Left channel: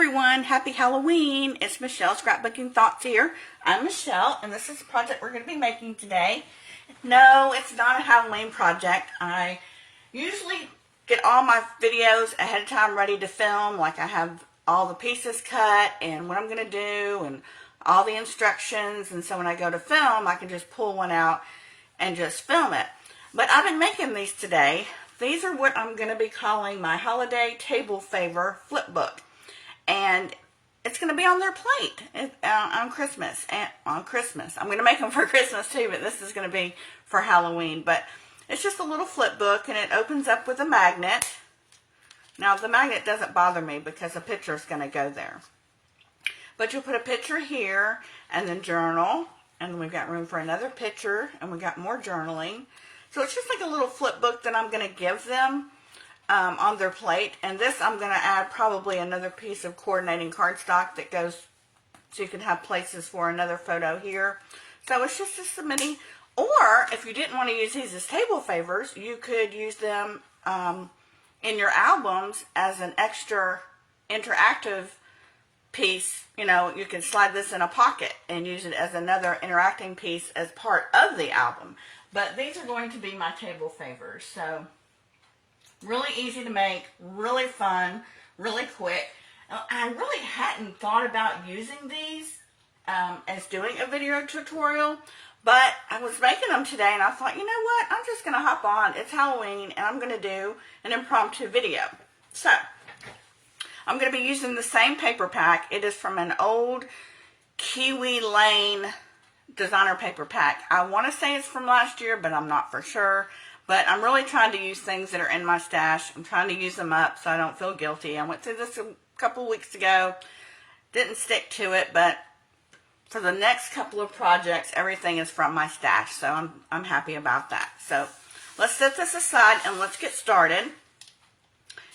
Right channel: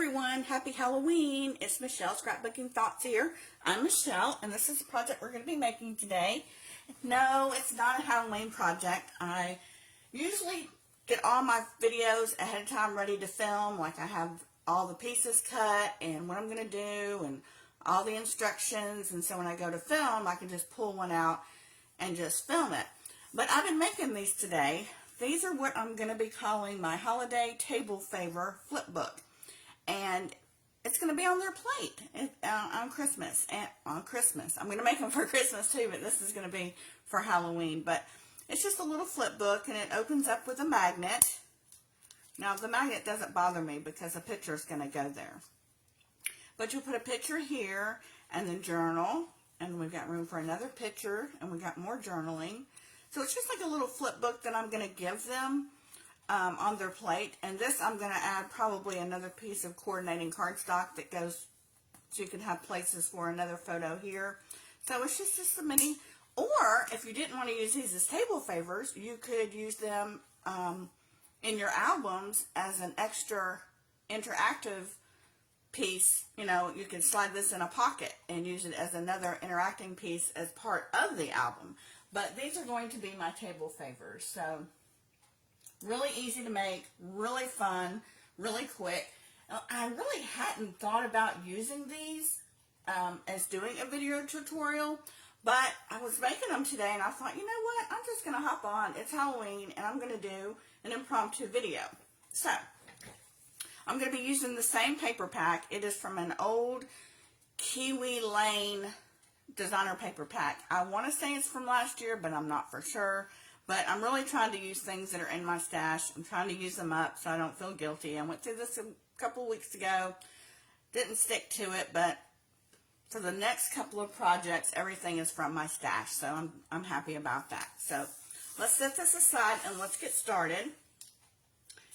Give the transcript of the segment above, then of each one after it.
everyone, happy Halloween. It's Michelle, Scrapbooking Thoughts here. I'm Michelle, and this is the project we're going to be making today. No, it's not a Halloween project. I usually get all my videos ahead of time ready to film, like I have all the pieces cut and what I'm going to do and all the instructions, and so when I go to film, I can just pull one out and just film it. But I've been making these today. These are what I'm going to be calling my holiday table favor flip book. And it's going to be on their plate on Christmas. I'm going to make them for Christmas too, but this is going to be for Halloween. But it's just a little flip book, and it opens up with a magnet. Now, the magnet doesn't bother me because a picture is going to go there. But you'll put a picture here, and then journal. And then we've got room for another picture, and we've got more journaling. So it's just like a little flip book that I'm going to give them on their plate. And this, I'm going to add probably another piece of coordinating cardstock that goes, so you can have places for another photo here. So it's just a mini, or if you didn't want to use these as table favors, you could use them in your albums as an extra interactive piece. You know, you can slide this in a pocket and use it as another interacting piece as part of the album. But these are going to be my table favors. So really easy to make, really fun, really quick. I really hadn't thought about using these as doing a video tutorial, but I was making them today and I thought, you know what, I'm just going to hop on. It's Halloween and I'm going to do an impromptu video. So I'm going to be using the same paper pack. It is from an old Kiwi Lane designer paper pack. I want to say it's from last year, but I'm not for sure. But I'm really trying to use things that are in my stash. I'm trying to use them up so I don't feel guilty. I went through this a couple of weeks ago. Didn't stick to it, but for the next couple of projects, everything is from my stash. So I'm happy about that. So let's set this aside and let's get started.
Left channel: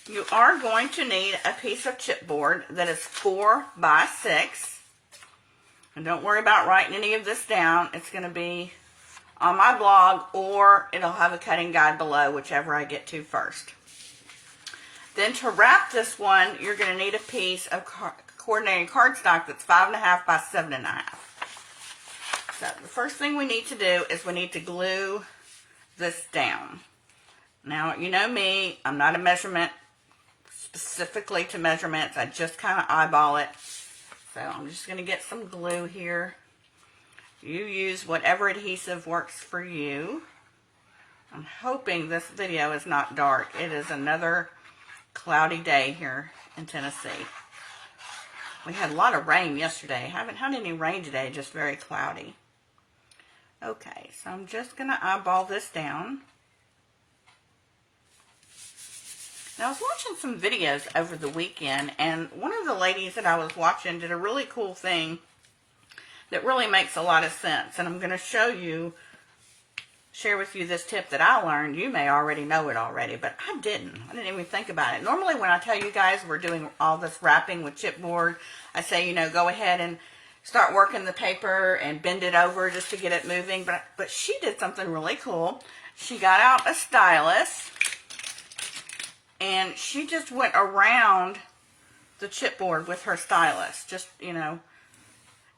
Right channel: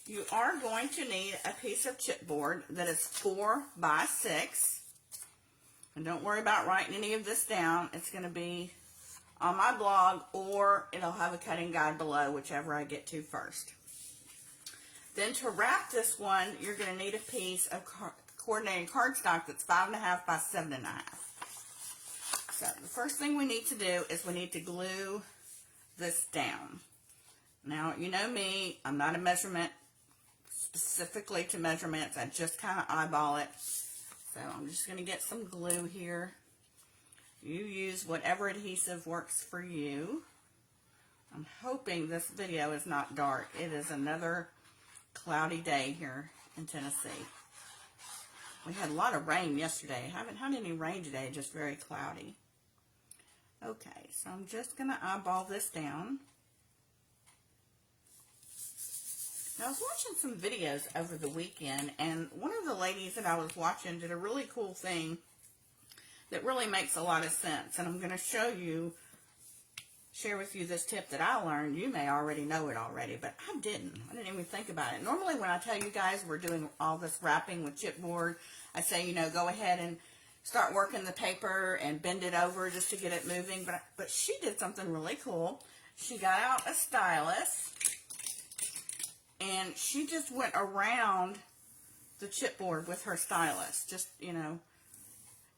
You are going to need a piece of chipboard that is 4 by 6. And don't worry about writing any of this down. It's going to be on my blog, or it'll have a cutting guide below, whichever I get to first. Then to wrap this one, you're going to need a piece of coordinating cardstock that's 5.5 by 7.5. So the first thing we need to do is we need to glue this down. Now, you know me, I'm not a measurement specifically to measurements. I just kind of eyeball it. So I'm just going to get some glue here. You use whatever adhesive works for you. I'm hoping this video is not dark. It is another cloudy day here in Tennessee. We had a lot of rain yesterday. Haven't had any rain today, just very cloudy. Okay, so I'm just going to eyeball this down. Now, I was watching some videos over the weekend, and one of the ladies that I was watching did a really cool thing that really makes a lot of sense. And I'm going to share with you this tip that I learned. You may already know it already, but I didn't even think about it. Normally when I tell you guys we're doing all this wrapping with chipboard, I say, you know, go ahead and start working the paper and bend it over just to get it moving. But she did something really cool. She got out a stylus and she just went around the chipboard with her stylus. Just, you know,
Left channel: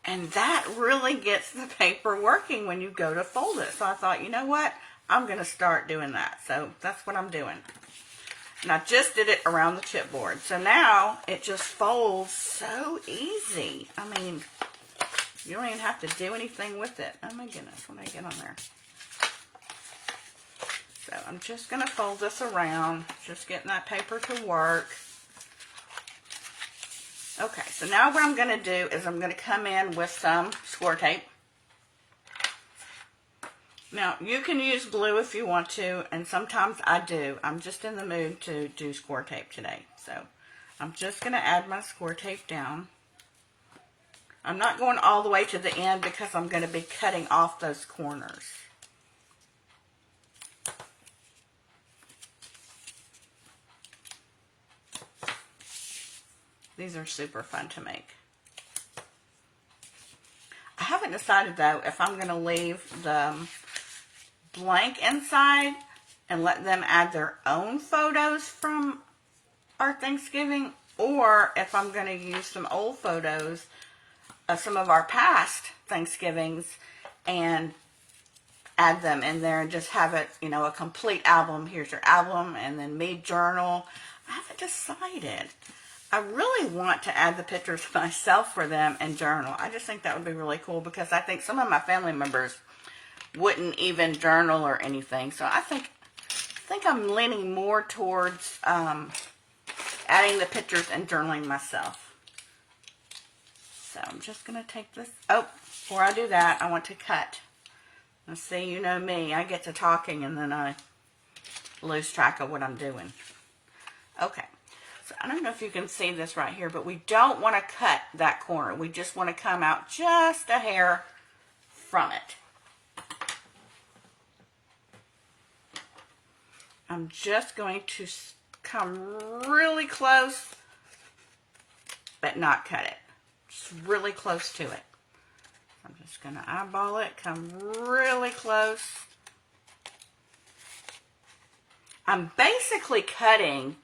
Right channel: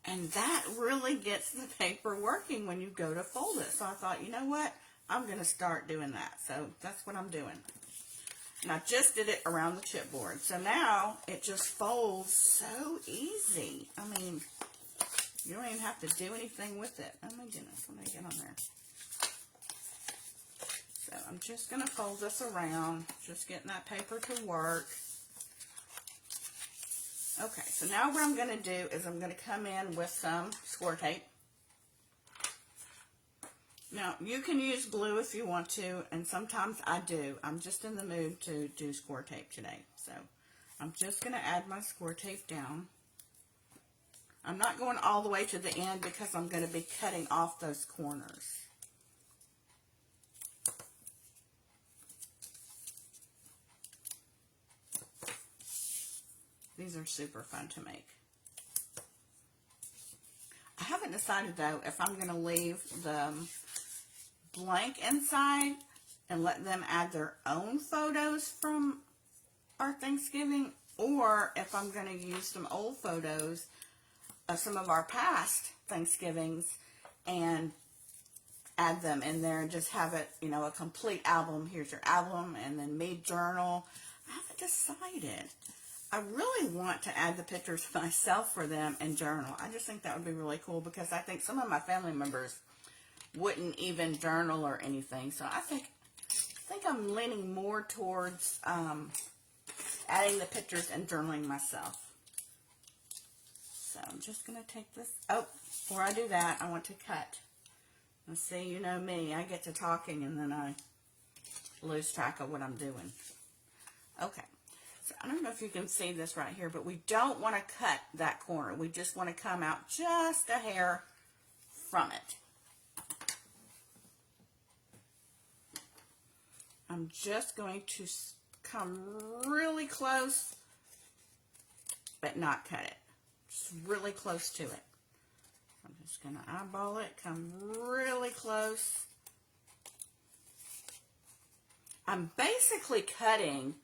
and that really gets the paper working when you go to fold it. So I thought, you know what? I'm going to start doing that. So that's what I'm doing. And I just did it around the chipboard. So now it just folds so easy. I mean, you don't even have to do anything with it. Oh my goodness, when I get on there. So I'm just going to fold this around. Just getting that paper to work. Okay, so now what I'm going to do is I'm going to come in with some score tape. Now, you can use glue if you want to, and sometimes I do. I'm just in the mood to do score tape today. So, I'm just going to add my score tape down. I'm not going all the way to the end because I'm going to be cutting off those corners. These are super fun to make. I haven't decided though if I'm going to leave the blank inside and let them add their own photos from our Thanksgiving, or if I'm going to use some old photos of some of our past Thanksgivings and add them in there and just have it, you know, a complete album. Here's your album, and then me journal. I haven't decided. I really want to add the pictures myself for them and journal. I just think that would be really cool because I think some of my family members wouldn't even journal or anything. So I think I'm leaning more towards adding the pictures and journaling myself. So I'm just going to take this. Oh, before I do that, I want to cut. Let's see, you know me. I get to talking and then I lose track of what I'm doing. Okay. So I don't know if you can see this right here, but we don't want to cut that corner. We just want to come out just a hair from it. I'm just going to come really close, but not cut it. Just really close to it. I'm just going to eyeball it, come really close. I'm basically cutting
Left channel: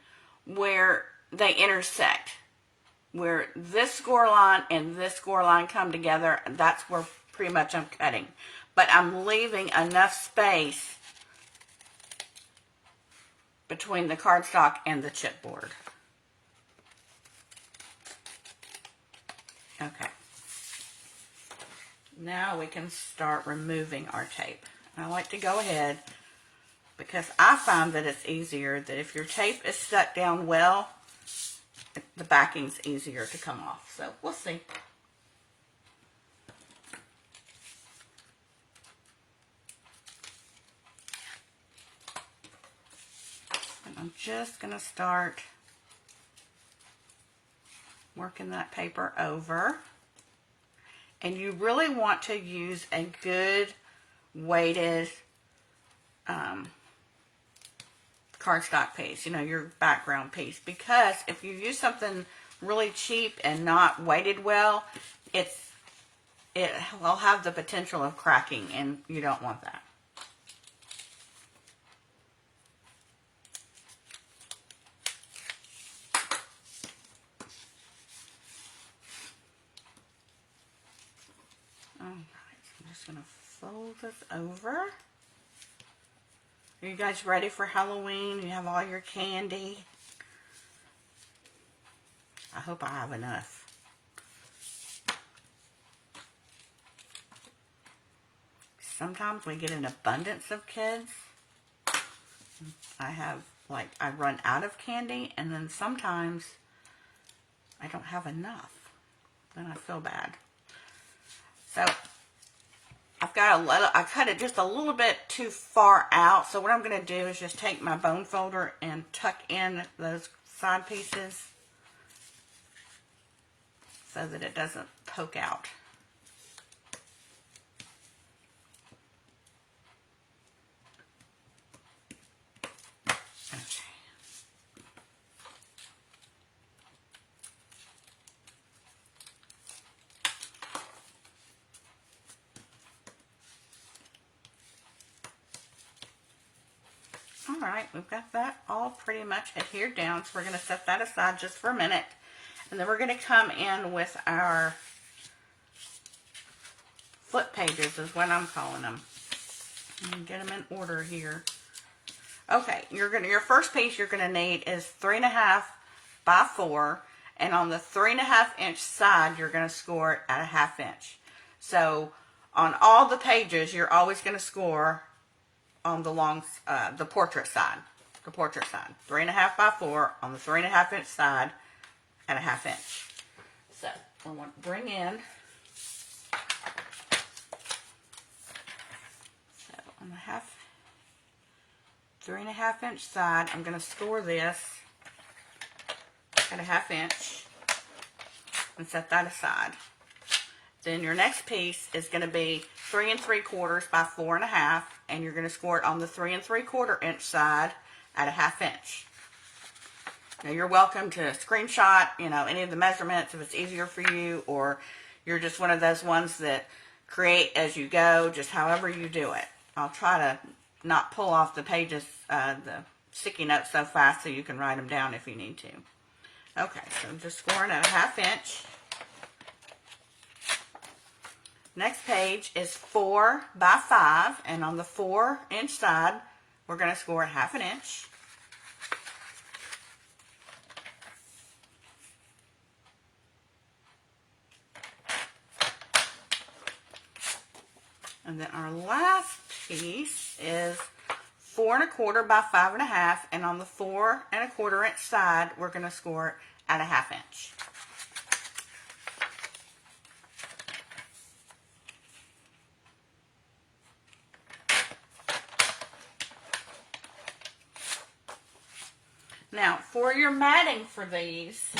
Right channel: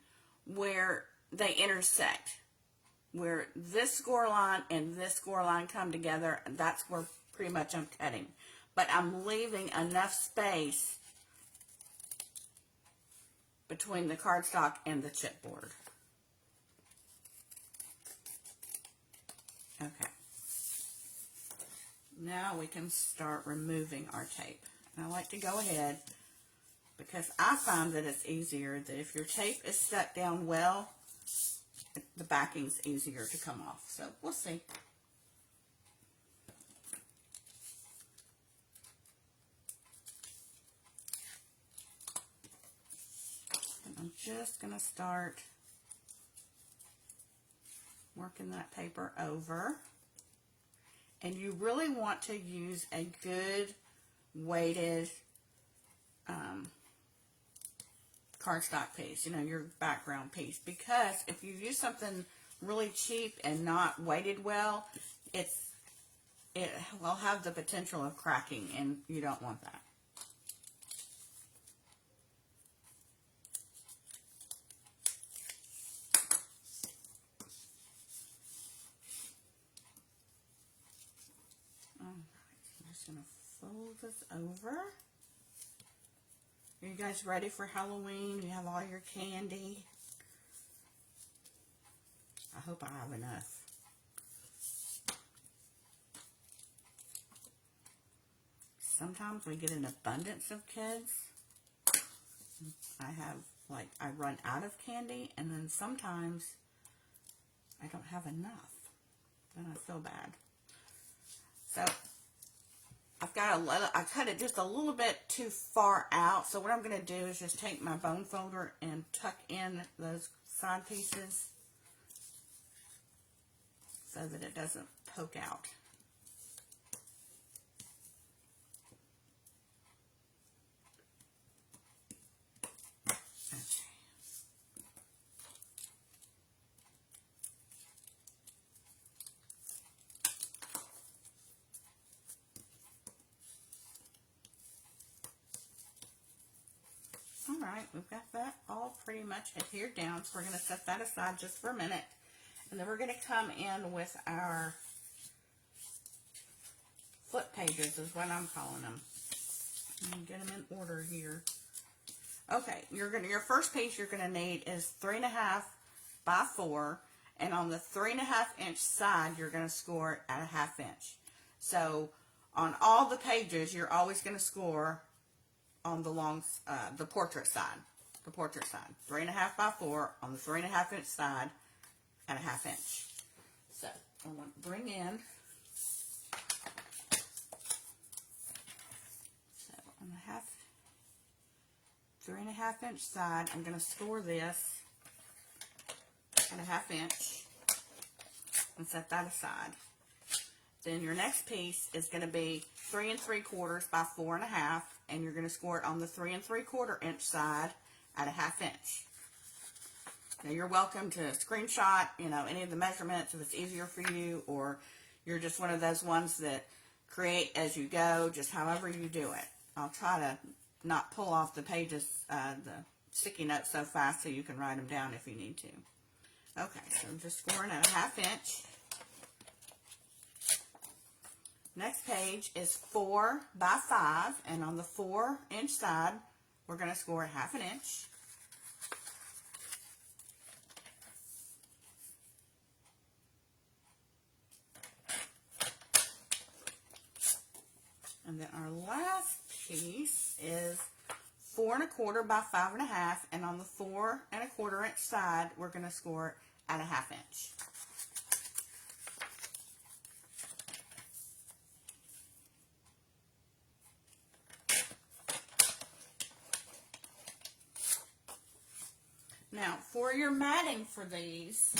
where they intersect, where this score line and this score line come together. That's where pretty much I'm cutting, but I'm leaving enough space between the cardstock and the chipboard. Okay. Now we can start removing our tape. I like to go ahead because I find that it's easier that if your tape is stuck down well, the backing's easier to come off. So we'll see. And I'm just going to start working that paper over. And you really want to use a good weighted cardstock piece, you know, your background piece, because if you use something really cheap and not weighted well, it will have the potential of cracking, and you don't want that. Alright, so I'm just going to fold this over. Are you guys ready for Halloween? You have all your candy. I hope I have enough. Sometimes we get an abundance of kids. I run out of candy, and then sometimes I don't have enough. Then I feel bad. So I've got I cut it just a little bit too far out. So what I'm going to do is just take my bone folder and tuck in those side pieces so that it doesn't poke out. Alright, we've got that all pretty much adhered down, so we're going to set that aside just for a minute. And then we're going to come in with our flip pages, is what I'm calling them. And get them in order here. Okay, your first piece you're going to need is 3.5 by 4, and on the 3.5 inch side you're going to score it at a 1/2 inch. So on all the pages you're always going to score on the portrait side. 3.5 by 4 on the 3.5 inch side at a 1/2 inch. So I want to bring in, so on the 3.5 inch side, I'm going to score this at a 1/2 inch and set that aside. Then your next piece is going to be 3 3/4 by 4.5, and you're going to score it on the 3 3/4 inch side at a 1/2 inch. Now you're welcome to screenshot, you know, any of the measurements if it's easier for you, or you're just one of those ones that create as you go, just however you do it. I'll try to not pull off the pages, the sticky notes so fast so you can write them down if you need to. Okay, so I'm just scoring at a 1/2 inch. Next page is 4 by 5, and on the 4-inch side, we're going to score at 1/2 inch. And then our last piece is 4 1/4 by 5 1/2, and on the 4 1/4 inch side, we're going to score at a 1/2 inch. Now, for your matting for these,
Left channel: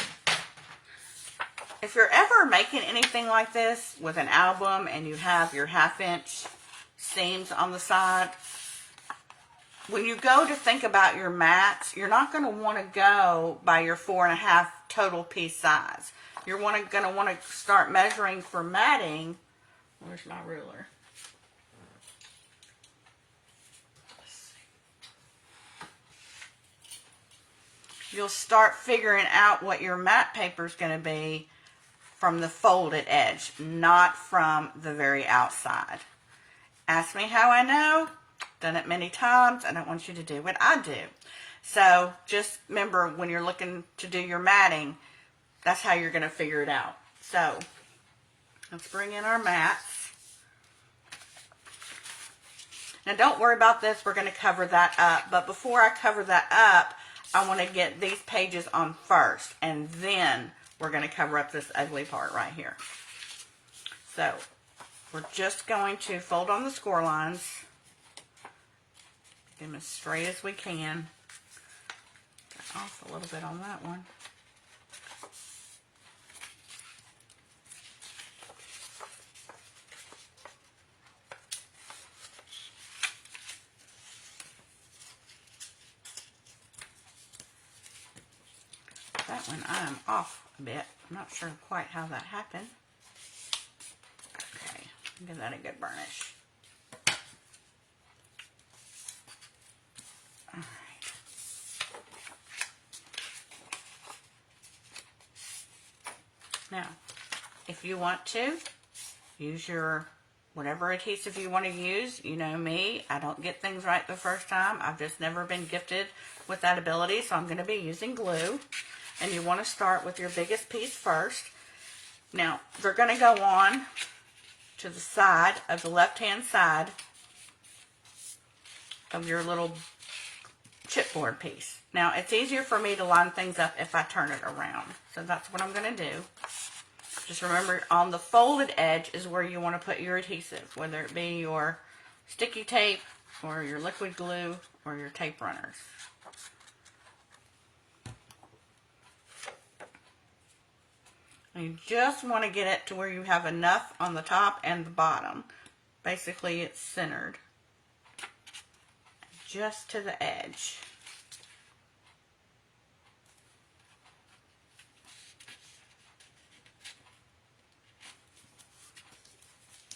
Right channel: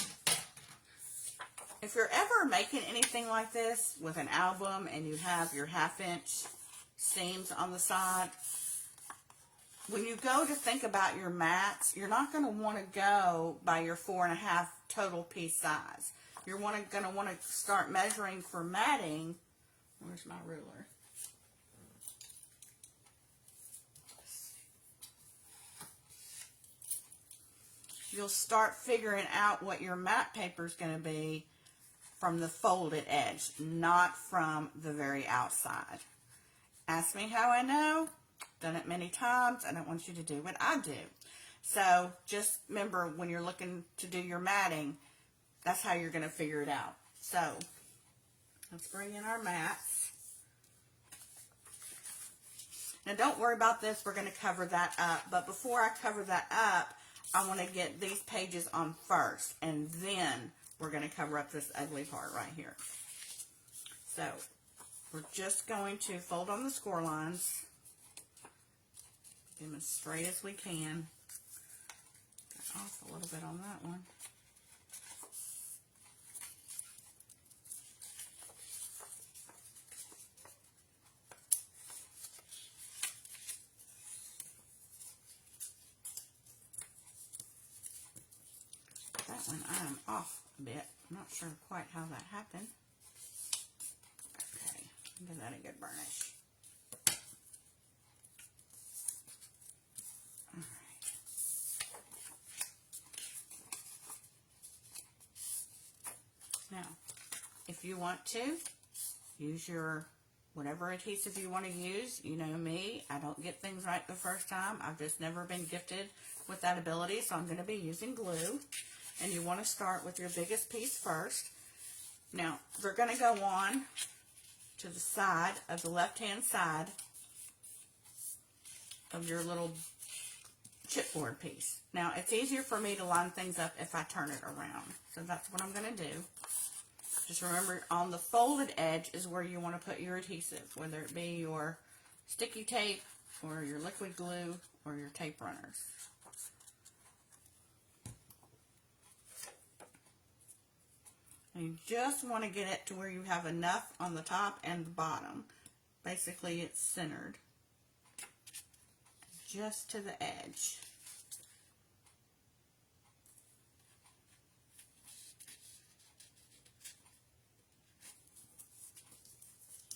if you're ever making anything like this with an album and you have your 1/2 inch seams on the side, when you go to think about your mats, you're not going to want to go by your 4 1/2 total piece size. You're going to want to start measuring for matting. Where's my ruler? You'll start figuring out what your mat paper is going to be from the folded edge, not from the very outside. Ask me how I know. Done it many times. I don't want you to do what I do. So just remember, when you're looking to do your matting, that's how you're going to figure it out. So let's bring in our mats. Now don't worry about this. We're going to cover that up. But before I cover that up, I want to get these pages on first, and then we're going to cover up this ugly part right here. So we're just going to fold on the score lines, get them as straight as we can. Got off a little bit on that one. That one I am off a bit. I'm not sure quite how that happened. Okay, give that a good burnish. Alright. Now, if you want to, use your whatever adhesive you want to use. You know me, I don't get things right the first time. I've just never been gifted with that ability, so I'm going to be using glue. And you want to start with your biggest piece first. Now, they're going to go on to the side of the left-hand side of your little chipboard piece. Now, it's easier for me to line things up if I turn it around. So that's what I'm going to do. Just remember, on the folded edge is where you want to put your adhesive, whether it be your sticky tape or your liquid glue or your tape runners. And you just want to get it to where you have enough on the top and the bottom. Basically, it's centered just to the edge.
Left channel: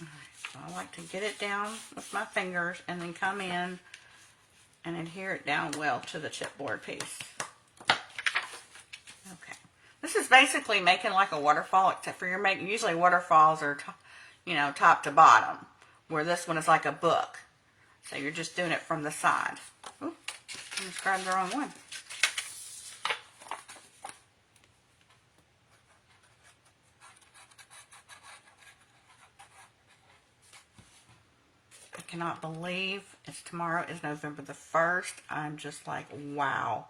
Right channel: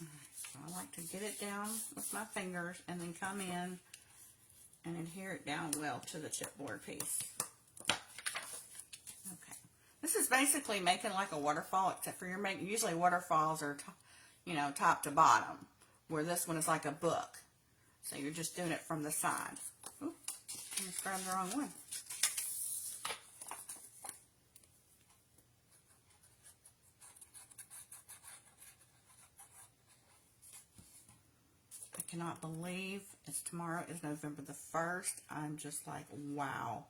Alright, so I like to get it down with my fingers and then come in and adhere it down well to the chipboard piece. This is basically making like a waterfall, except for you're making, usually waterfalls are, top to bottom, where this one is like a book. So you're just doing it from the side. Ooh, I just grabbed the wrong one. I cannot believe tomorrow is November the 1st. I'm just like, wow.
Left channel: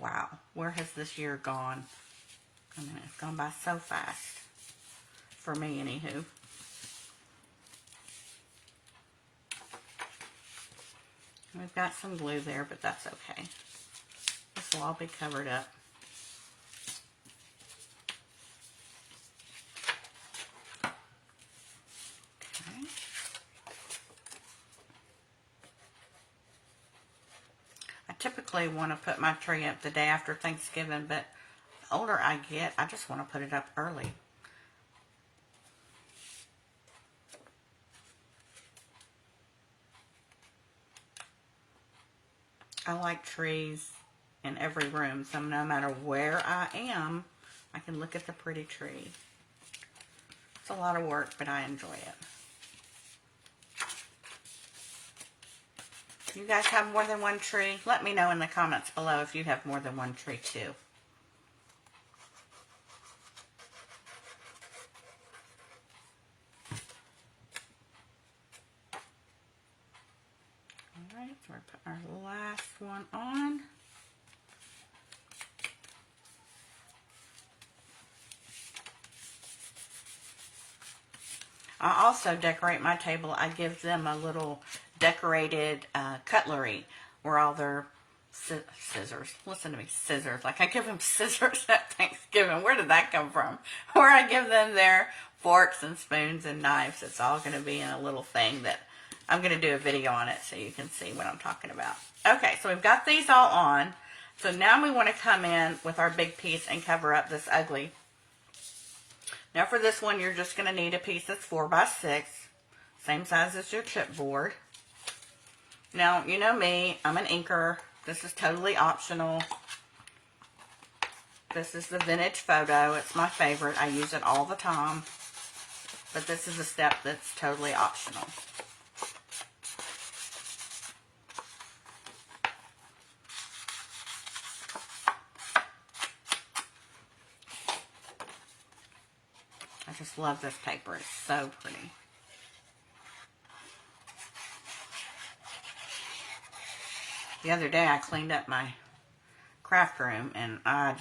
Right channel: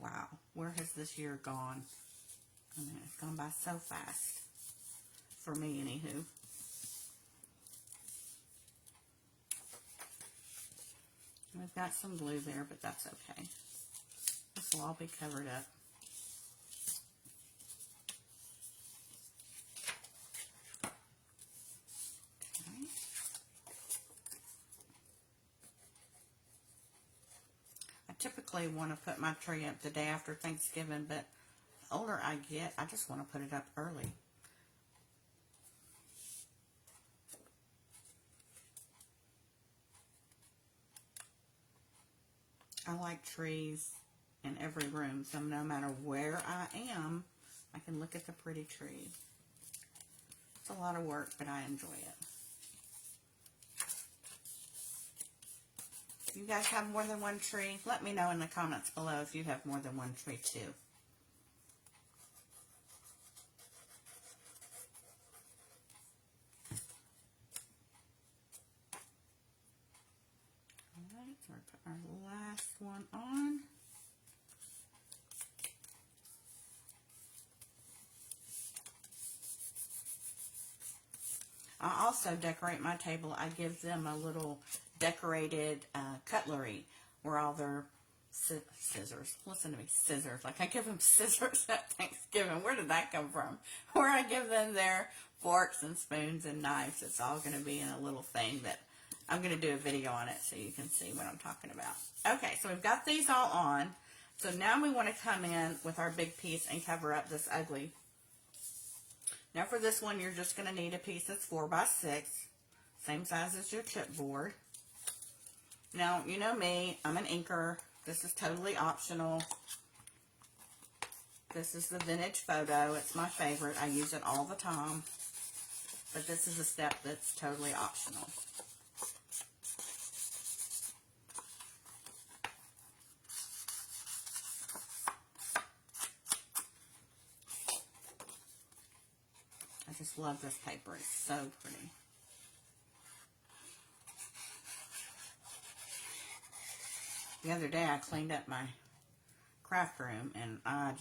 Wow, where has this year gone? I mean, it's gone by so fast. For me, anywho. We've got some glue there, but that's okay. This will all be covered up. Okay. I typically want to put my tree up the day after Thanksgiving, but the older I get, I just want to put it up early. I like trees in every room. So no matter where I am, I can look at the pretty tree. It's a lot of work, but I enjoy it. You guys have more than one tree? Let me know in the comments below if you have more than one tree too. Alright, so we're putting our last one on. I also decorate my table. I give them a little decorated cutlery where all their scissors, listen to me, scissors, like I give them scissors at Thanksgiving. Where did that come from? Where I give them their forks and spoons and knives. It's all going to be in a little thing that I'm going to do a video on it so you can see what I'm talking about. Okay, so we've got these all on. So now we want to come in with our big piece and cover up this ugly. Now for this one, you're just going to need a piece that's 4 by 6, same size as your chipboard. Now, you know me, I'm an inker. This is totally optional. This is the vintage photo. It's my favorite. I use it all the time. But this is a step that's totally optional. I just love this paper. It's so pretty. The other day I cleaned up my craft room and I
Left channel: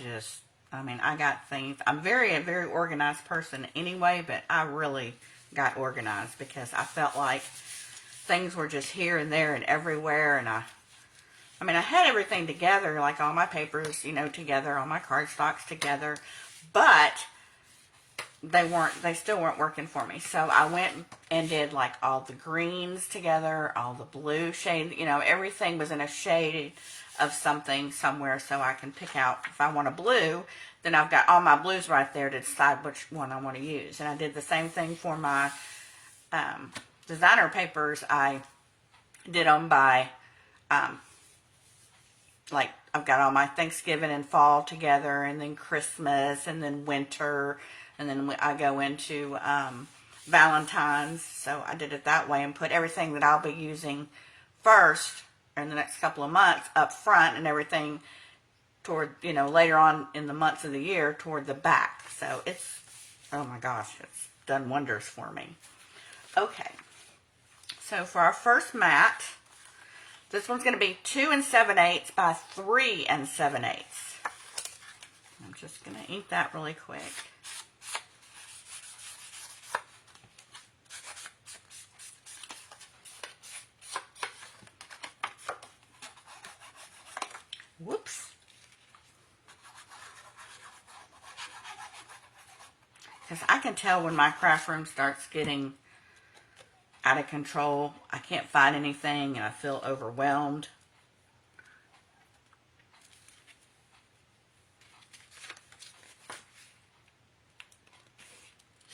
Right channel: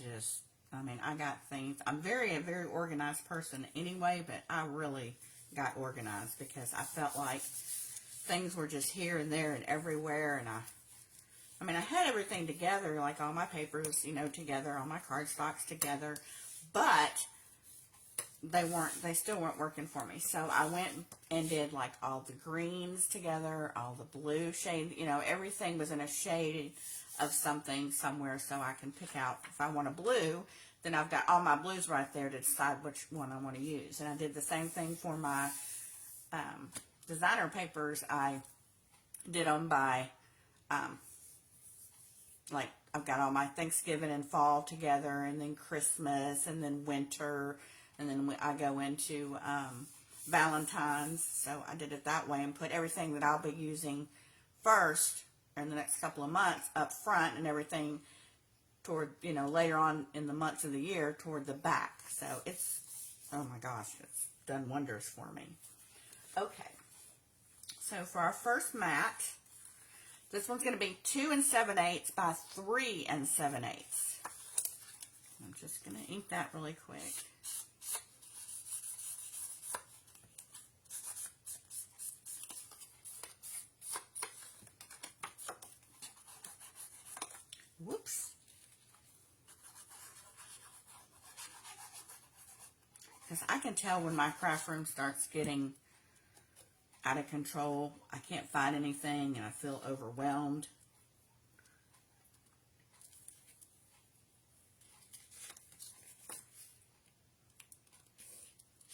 got things. I'm a very organized person anyway, but I really got organized because I felt like things were just here and there and everywhere. And I had everything together, like all my papers, together, all my cardstocks together, but they still weren't working for me. So I went and did like all the greens together, all the blue shade, everything was in a shade of something somewhere so I can pick out if I want a blue, then I've got all my blues right there to decide which one I want to use. And I did the same thing for my designer papers. I did them by, like I've got all my Thanksgiving and fall together and then Christmas and then winter. And then I go into Valentine's, so I did it that way and put everything that I'll be using first in the next couple of months up front and everything toward, later on in the months of the year toward the back. So it's, oh my gosh, it's done wonders for me. Okay, so for our first mat, this one's going to be 2 7/8 by 3 7/8. I'm just going to ink that really quick. Whoops. Because I can tell when my craft room starts getting out of control. I can't find anything and I feel overwhelmed.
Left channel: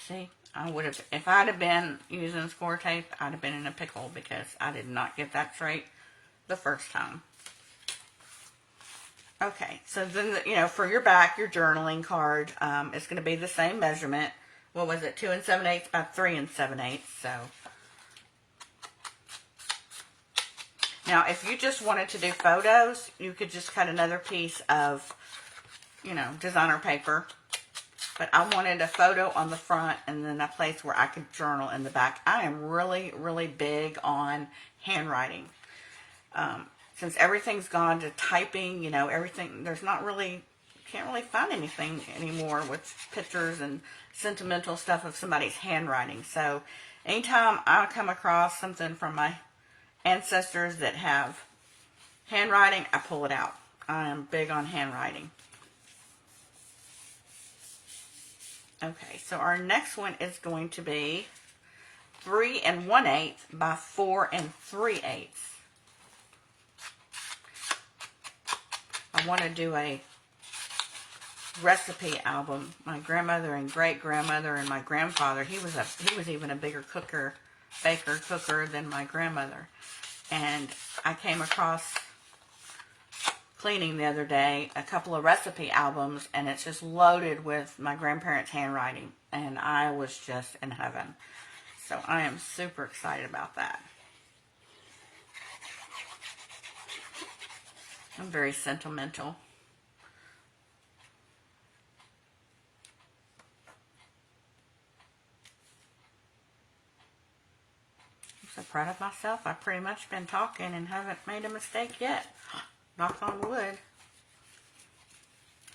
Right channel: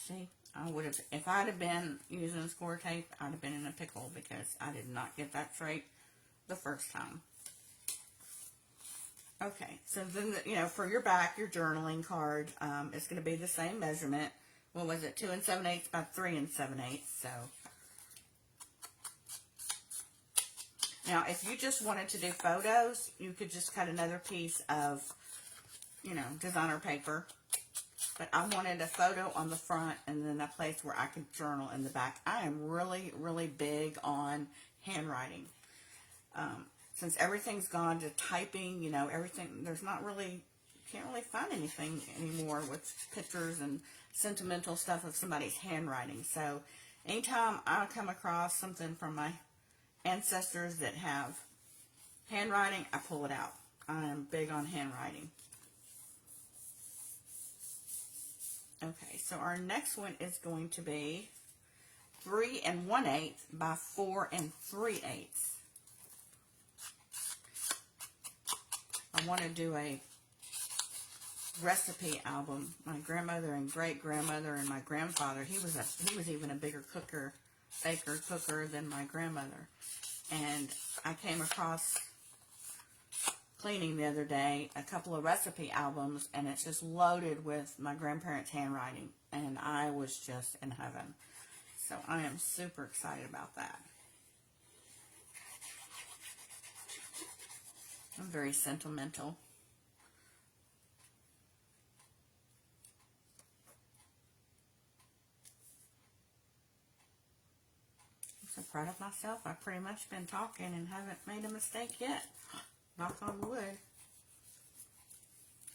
See, I would have, if I'd have been using score tape, I'd have been in a pickle because I did not get that straight the first time. Okay, so then, for your back, your journaling card, it's going to be the same measurement. What was it? 2 7/8 by 3 7/8. So, now if you just wanted to do photos, you could just cut another piece of, designer paper. But I wanted a photo on the front and then a place where I could journal in the back. I am really, really big on handwriting. Since everything's gone to typing, everything, there's not really, can't really find anything anymore with pictures and sentimental stuff of somebody's handwriting. So anytime I come across something from my ancestors that have handwriting, I pull it out. I am big on handwriting. Okay, so our next one is going to be 3 1/8 by 4 3/8. I want to do a recipe album. My grandmother and great grandmother and my grandfather, he was even a bigger baker cooker than my grandmother. And I came across cleaning the other day a couple of recipe albums, and it's just loaded with my grandparents' handwriting, and I was just in heaven. So I am super excited about that. I'm very sentimental. I'm so proud of myself. I've pretty much been talking and haven't made a mistake yet. Knock on wood.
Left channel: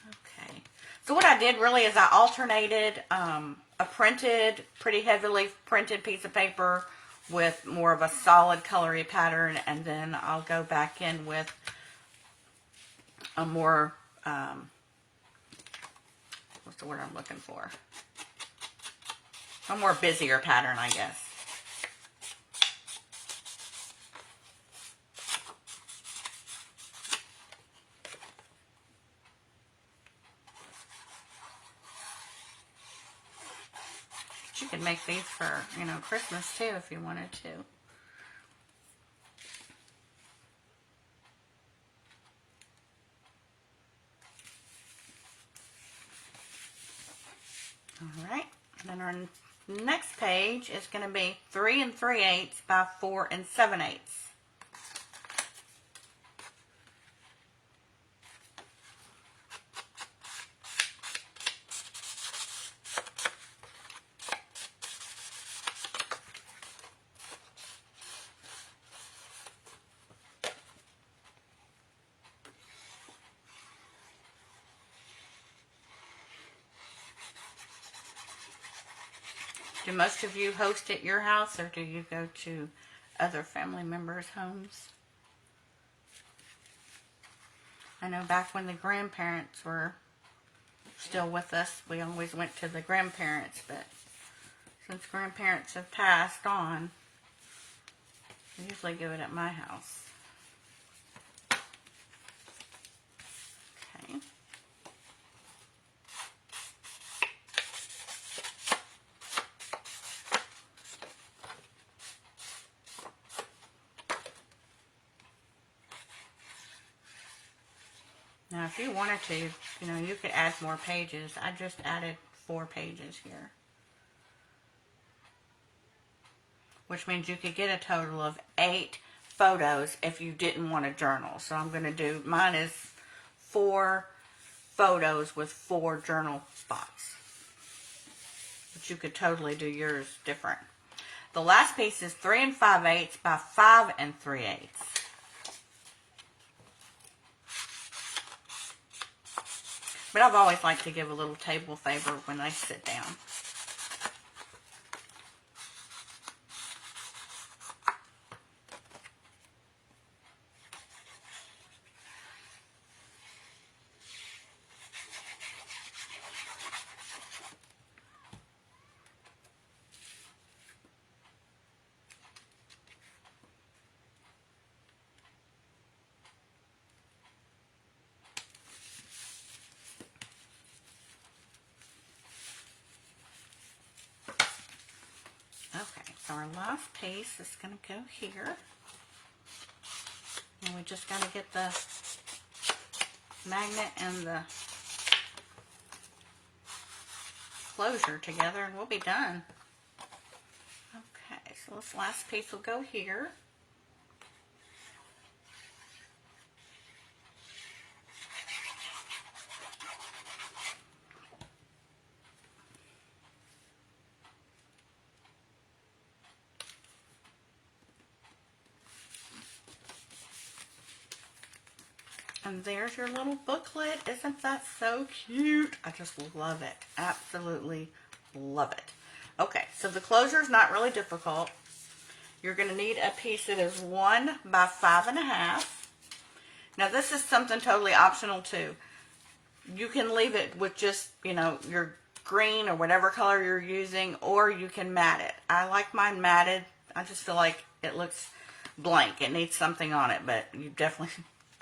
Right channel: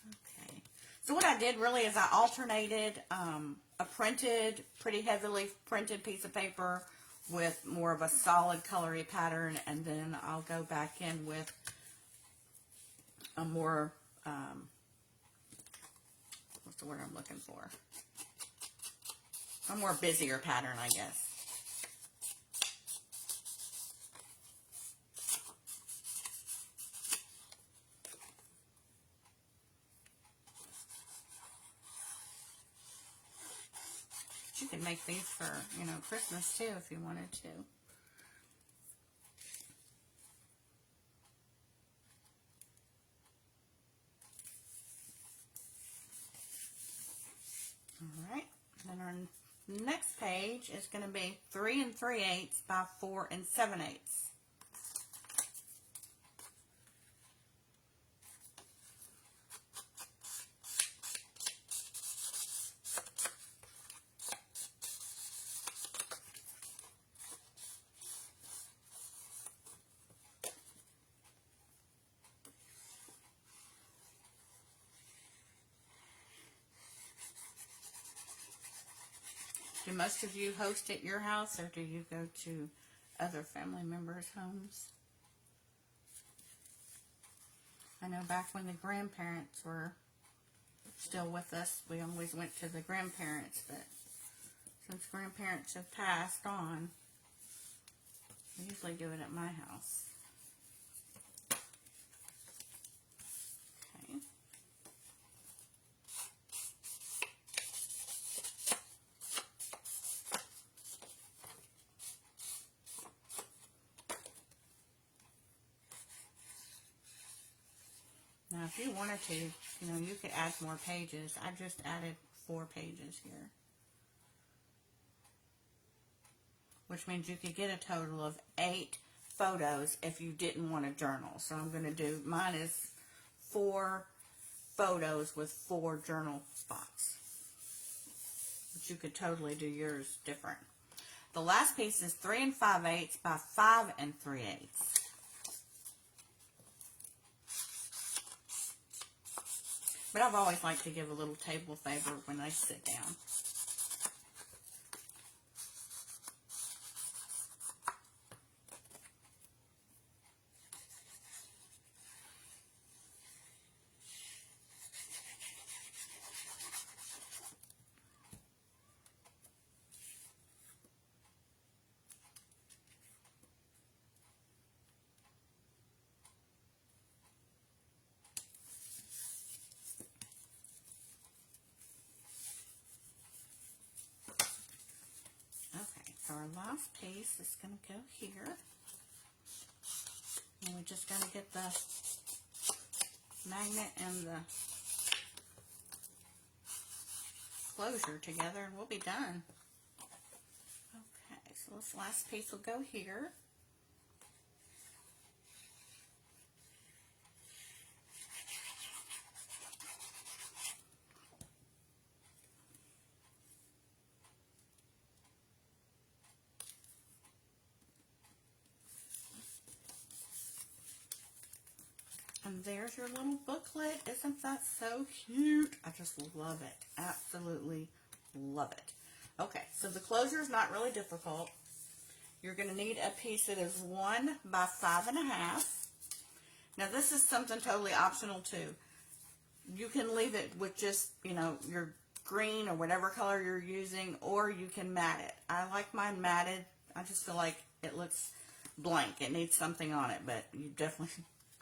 Okay. So what I did really is I alternated a printed, pretty heavily printed piece of paper with more of a solid colory pattern, and then I'll go back in with a more, what's the word I'm looking for? A more busier pattern, I guess. You could make these for, Christmas too if you wanted to. Alright, and then our next page is going to be 3 3/8 by 4 7/8. Do most of you host at your house, or do you go to other family members' homes? I know back when the grandparents were still with us, we always went to the grandparents, but since grandparents have passed on, I usually do it at my house. Okay. Now, if you wanted to, you could add more pages. I just added 4 pages here, which means you could get a total of 8 photos if you didn't want a journal. So I'm going to do, mine is 4 photos with 4 journal spots, but you could totally do yours different. The last piece is 3 5/8 by 5 3/8. But I've always liked to give a little table favor when they sit down. Our last piece is going to go here, and we just got to get the magnet and the closure together, and we'll be done. Okay, so this last piece will go here. And there's your little booklet. Isn't that so cute? I just love it. Absolutely love it. Okay, so the closure is not really difficult. You're going to need a piece that is 1 by 5 1/2. Now this is something totally optional too. You can leave it with just, your green or whatever color you're using, or you can mat it. I like mine matted. I just feel like it looks blank. It needs something on it, but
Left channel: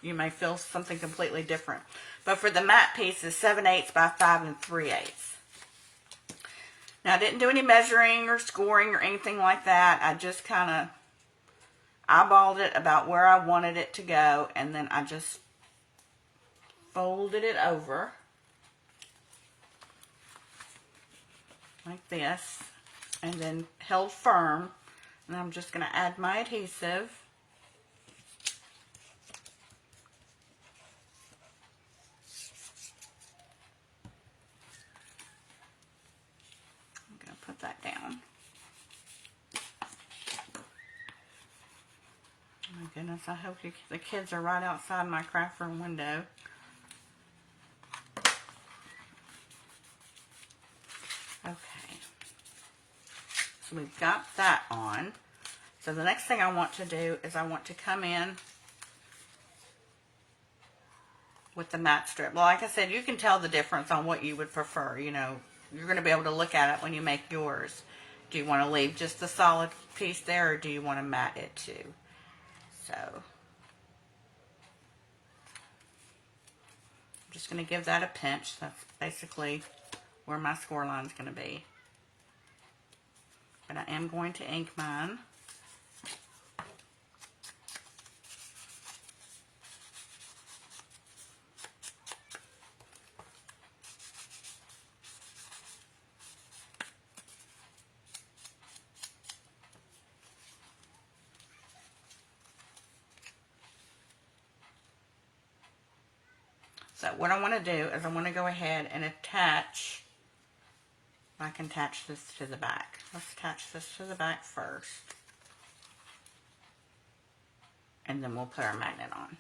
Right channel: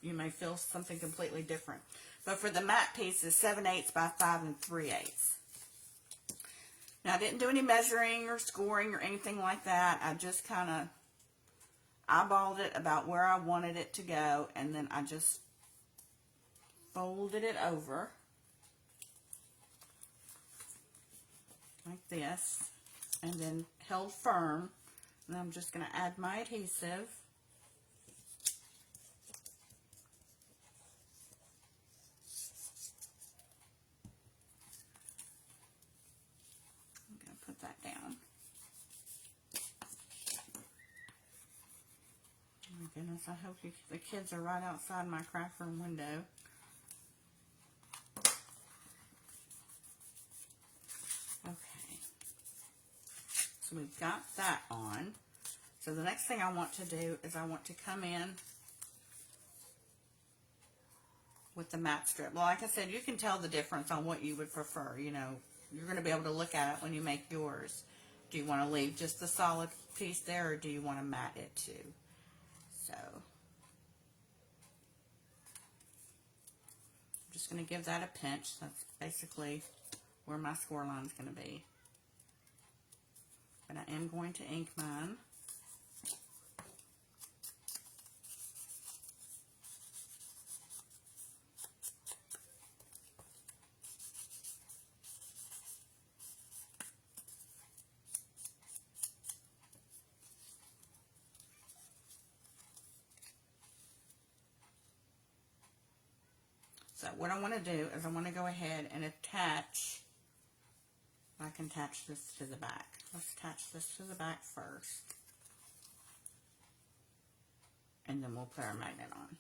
you may feel something completely different. But for the matte piece is 7/8 by 5 3/8. Now I didn't do any measuring or scoring or anything like that. I just kind of eyeballed it about where I wanted it to go, and then I just folded it over like this and then held firm. And I'm just going to add my adhesive. I'm going to put that down. Oh my goodness, I hope the kids are right outside my craft room window. Okay. So we've got that on. So the next thing I want to do is I want to come in with the matte strip. Well, like I said, you can tell the difference on what you would prefer. You know, you're going to be able to look at it when you make yours. Do you want to leave just the solid piece there, or do you want to matte it too? So I'm just going to give that a pinch. That's basically where my score line is going to be. But I am going to ink mine. So what I want to do is I want to go ahead and attach, I can attach this to the back. Let's attach this to the back first. And then we'll put our magnet on.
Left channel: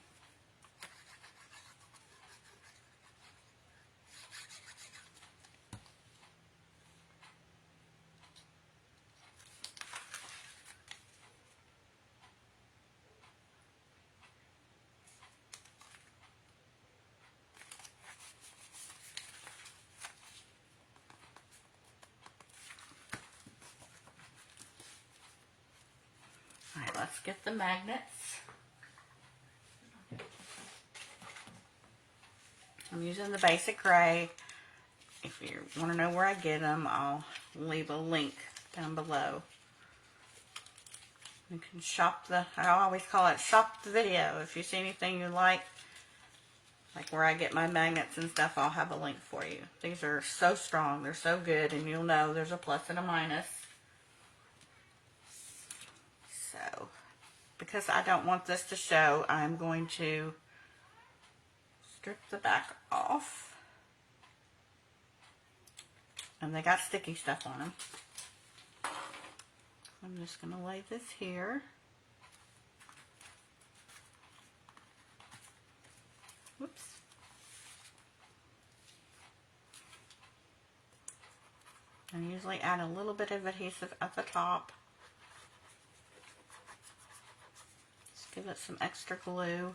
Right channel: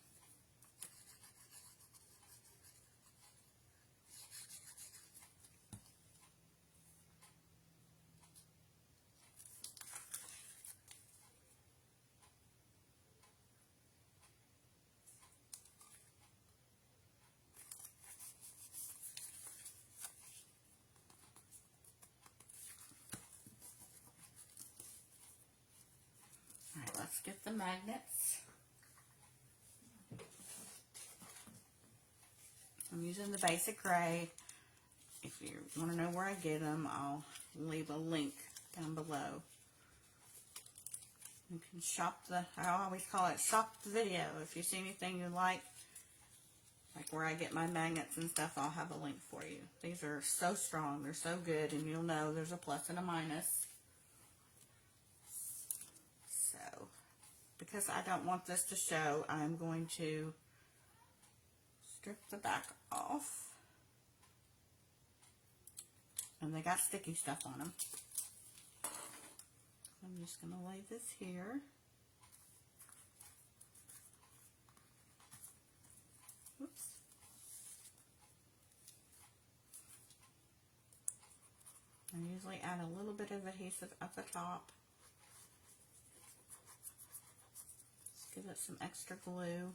Alright, let's get the magnets. I'm using the basic gray. If you want to know where I get them, I'll leave a link down below. You can shop I always call it shop the video. If you see anything you like where I get my magnets and stuff, I'll have a link for you. These are so strong, they're so good, and you'll know there's a plus and a minus. So, because I don't want this to show, I'm going to strip the back off. And they got sticky stuff on them. I'm just going to lay this here. Whoops. And usually add a little bit of adhesive at the top. Just give it some extra glue.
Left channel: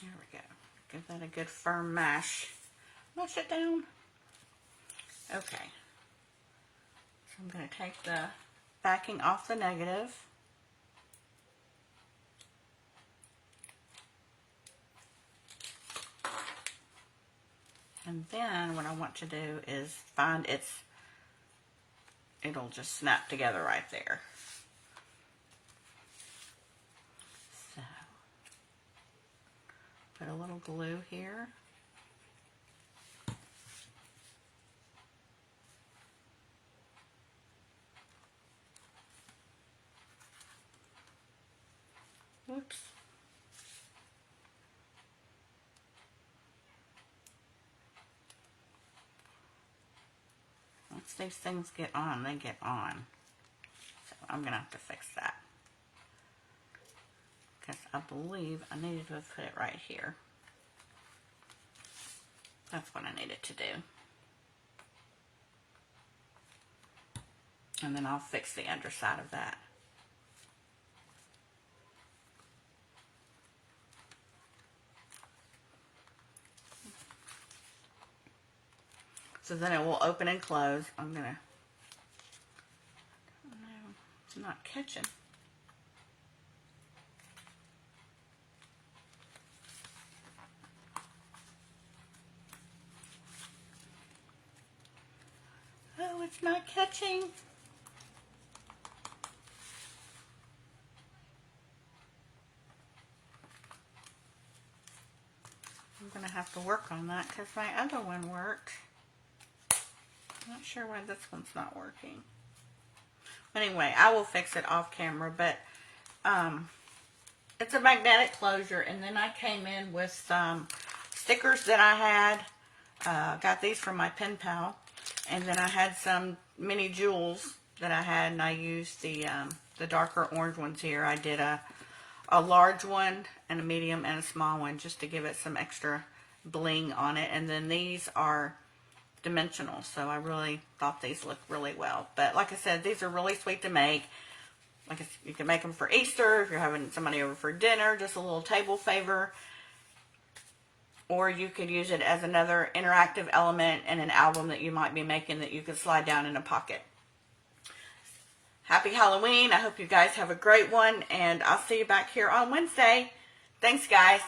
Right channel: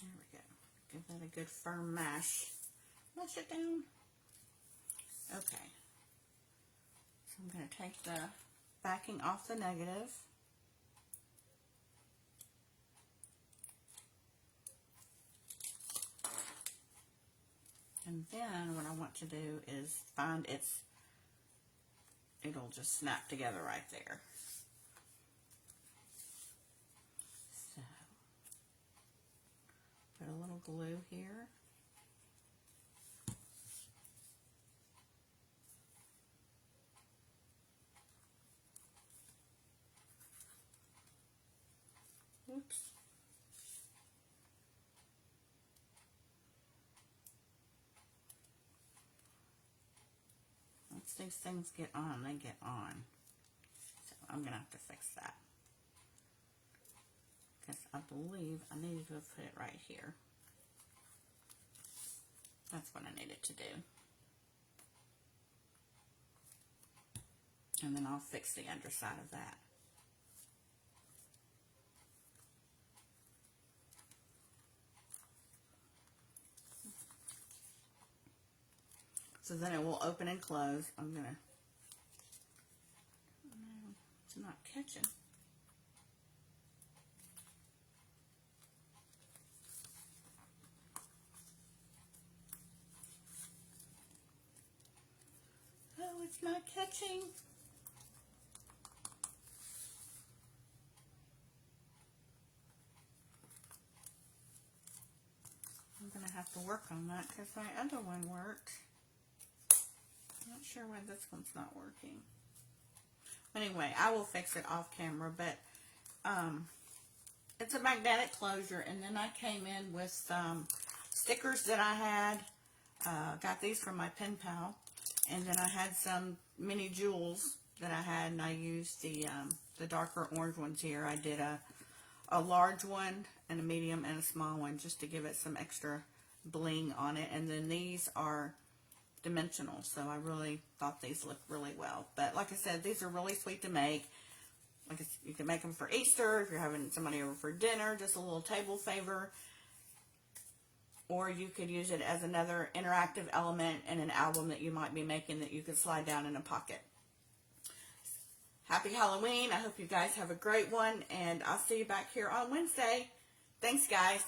There we go. Give that a good firm mash. Mash it down. Okay. So I'm going to take the backing off the negative. And then what I want to do is find it'll just snap together right there. So, put a little glue here. Oops. Once these things get on, they get on. So I'm going to have to fix that. Because I believe I needed to put it right here. That's what I needed to do. And then I'll fix the underside of that. So then it will open and close. I'm gonna, no, it's not catching. It's not catching. I'm going to have to work on that because my other one worked. I'm not sure why this one's not working. Anyway, I will fix it off camera, but it's a magnetic closure. And then I came in with some stickers that I had. Got these from my pen pal. And then I had some mini jewels that I had, and I used the darker orange ones here. I did a large one and a medium and a small one just to give it some extra bling on it. And then these are dimensional, so I really thought these looked really well. But like I said, these are really sweet to make. Like I said, you can make them for Easter if you're having somebody over for dinner, just a little table favor. Or you could use it as another interactive element in an album that you might be making that you could slide down in a pocket. Happy Halloween. I hope you guys have a great one, and I'll see you back here on Wednesday. Thanks, guys.